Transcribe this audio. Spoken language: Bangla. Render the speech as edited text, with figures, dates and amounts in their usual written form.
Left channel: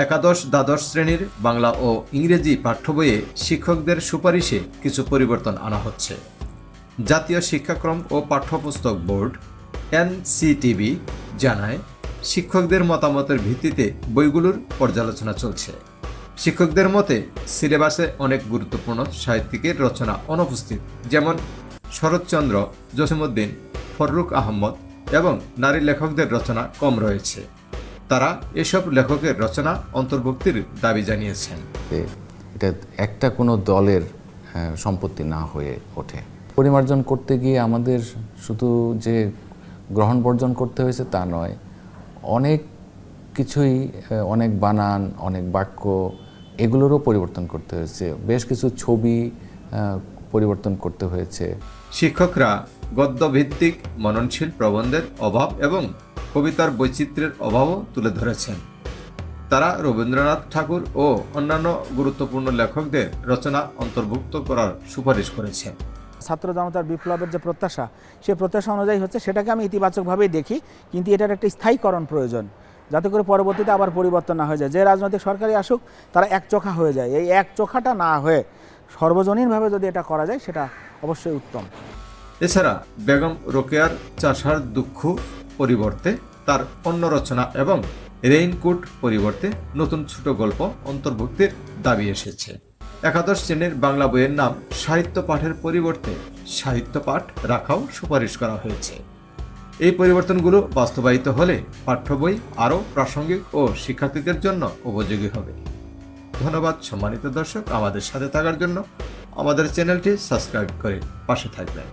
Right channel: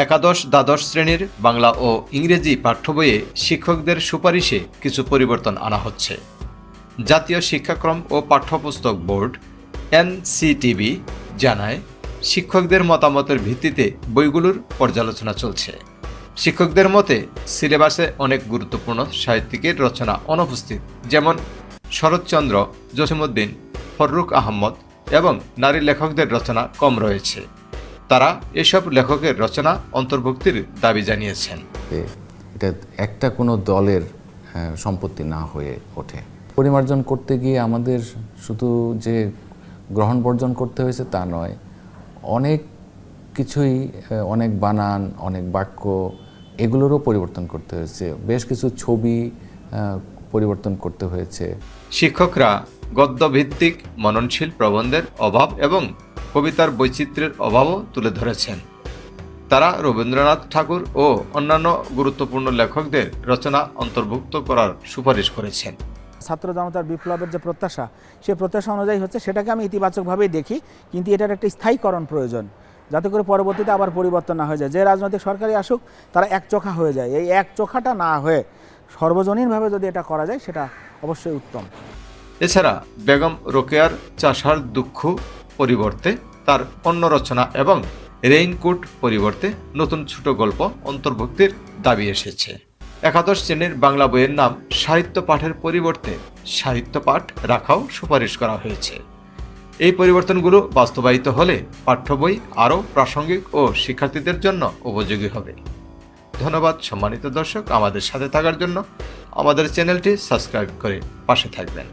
একাদশ দ্বাদশ শ্রেণীর বাংলা ও ইংরেজি পাঠ্য বইয়ে শিক্ষকদের সুপারিশে কিছু পরিবর্তন আনা হচ্ছে। জাতীয় শিক্ষাক্রম ও পাঠ্যপুস্তক বোর্ড এনসিটিবি জানায়, শিক্ষকদের মতামতের ভিত্তিতে বইগুলোর পর্যালোচনা চলছে। শিক্ষকদের মতে সিলেবাসে অনেক গুরুত্বপূর্ণ সাহিত্যিকের রচনা অনুপস্থিত, যেমন শরৎচন্দ্র, জসিমউদ্দিন, ফররুখ আহমদ এবং নারী লেখকদের রচনা কম রয়েছে। তারা এসব লেখকের রচনা অন্তর্ভুক্তির দাবি জানিয়েছেন। এটা একটা কোনো দলের সম্পত্তি না হয়ে ওঠে। পরিমার্জন করতে গিয়ে আমাদের শুধু যে গ্রহণ বর্জন করতে হয়েছে তা নয়, অনেক কিছুই, অনেক বানান, অনেক বাক্য, এগুলোরও পরিবর্তন করতে হয়েছে। বেশ কিছু ছবি পরিবর্তন করতে হয়েছে। শিক্ষকরা গদ্যভিত্তিক মননশীল প্রবন্ধের অভাব এবং কবিতার বৈচিত্র্যের অভাবও তুলে ধরেছেন। তারা রবীন্দ্রনাথ ঠাকুর ও অন্যান্য গুরুত্বপূর্ণ লেখকদের রচনা অন্তর্ভুক্ত করার সুপারিশ করেছেন। ছাত্র জনতার বিপ্লবের যে প্রত্যাশা, সেই প্রত্যাশা অনুযায়ী হচ্ছে, সেটাকে আমি ইতিবাচকভাবেই দেখি, কিন্তু এটার একটা স্থায়ীকরণ প্রয়োজন, যাতে করে পরবর্তীতে আবার পরিবর্তন না হয়ে যায়। যে রাজনৈতিক সরকারই আসুক, তারা একচোখা হয়ে যায়। এই একচোখাটা না হয়ে সর্বজনীনভাবে যদি এটা করা যায়, সেটা অবশ্যই উত্তম। এছাড়া বেগম রোকেয়ার চাষার দুঃখ পরিবর্তে তার অন্য রচনা এবং রেইনকোট পরিবর্তে নতুন ছোট গল্প অন্তর্ভুক্তির দাবি এসেছে। একাদশ শ্রেণীর বাংলা বইয়ের নাম সাহিত্য পাঠের পরিবর্তে সাহিত্য পাঠ রাখাও সুপারিশ করা হয়েছে। এই পরিবর্তনগুলো বাস্তবায়িত হলে পাঠ্য বই আরও প্রাসঙ্গিক ও শিক্ষার্থীদের জন্য উপযোগী হবে। ধন্যবাদ সম্মানিত দর্শক, আমাদের সাথে থাকার জন্য। আমাদের চ্যানেলটি সাবস্ক্রাইব করে পাশে থাকবেন।